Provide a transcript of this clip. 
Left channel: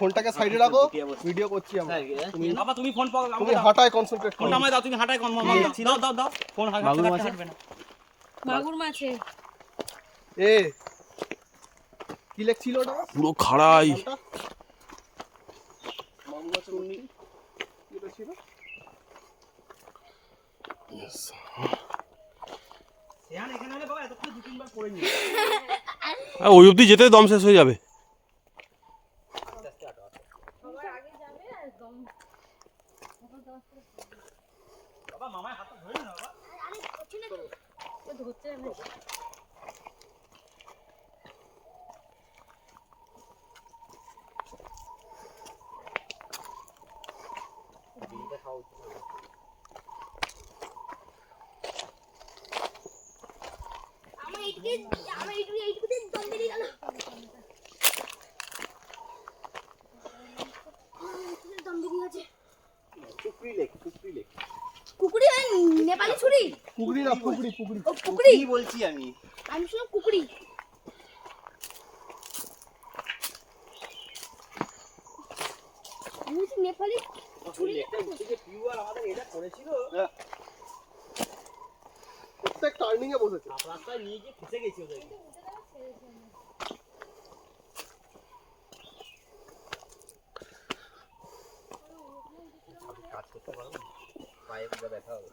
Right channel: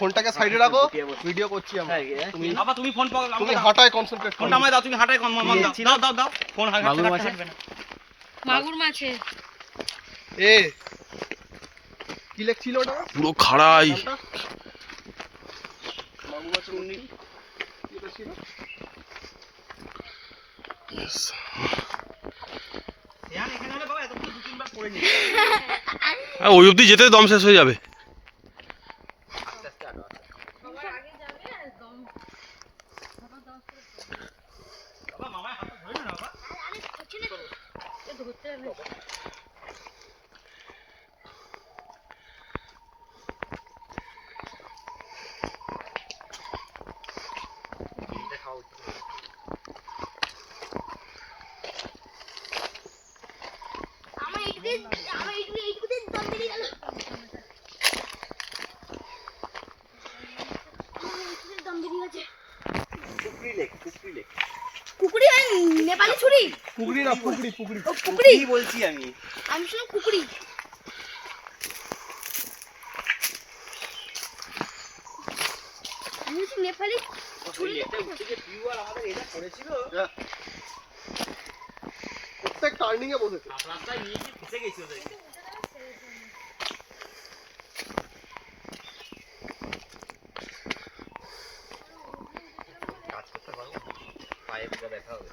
ফোনটাকে সাইডে রাখো, ভিডিও করছি আমরা। তুমি বাবা তুমি ফোন পাও, তুমি হটায় কনসেন্ট্রেট করো। ফোনটা আমায় দাও, তুমি হটায় দাও দাও দাও ফোন হাতে রাখবে না। মাগুর মাছে এ কি লেখছিল ওটা? পুরো খাড়াই। মাগুর মাছের উন্নি এটা ছিল। ওই অবধি যেতে দম শেষ হয়ে যাবে। কুকুরি নেপালি ছুরি, পুকুরি না পুকুরি, পুকুরি কুকুরি বলছি আমি শুনলাম কুকুরি। আমি নেপালি ছুরি আমাদের এটা করেছিল, প্রত্যেক টার্নিং এ বসেছে। রাস্তায় নিয়ে গিয়ে ফেসে গেছি ওদেরকে। কাজ করতে পারবো না, পায়ে পুরো ব্যথা হবে।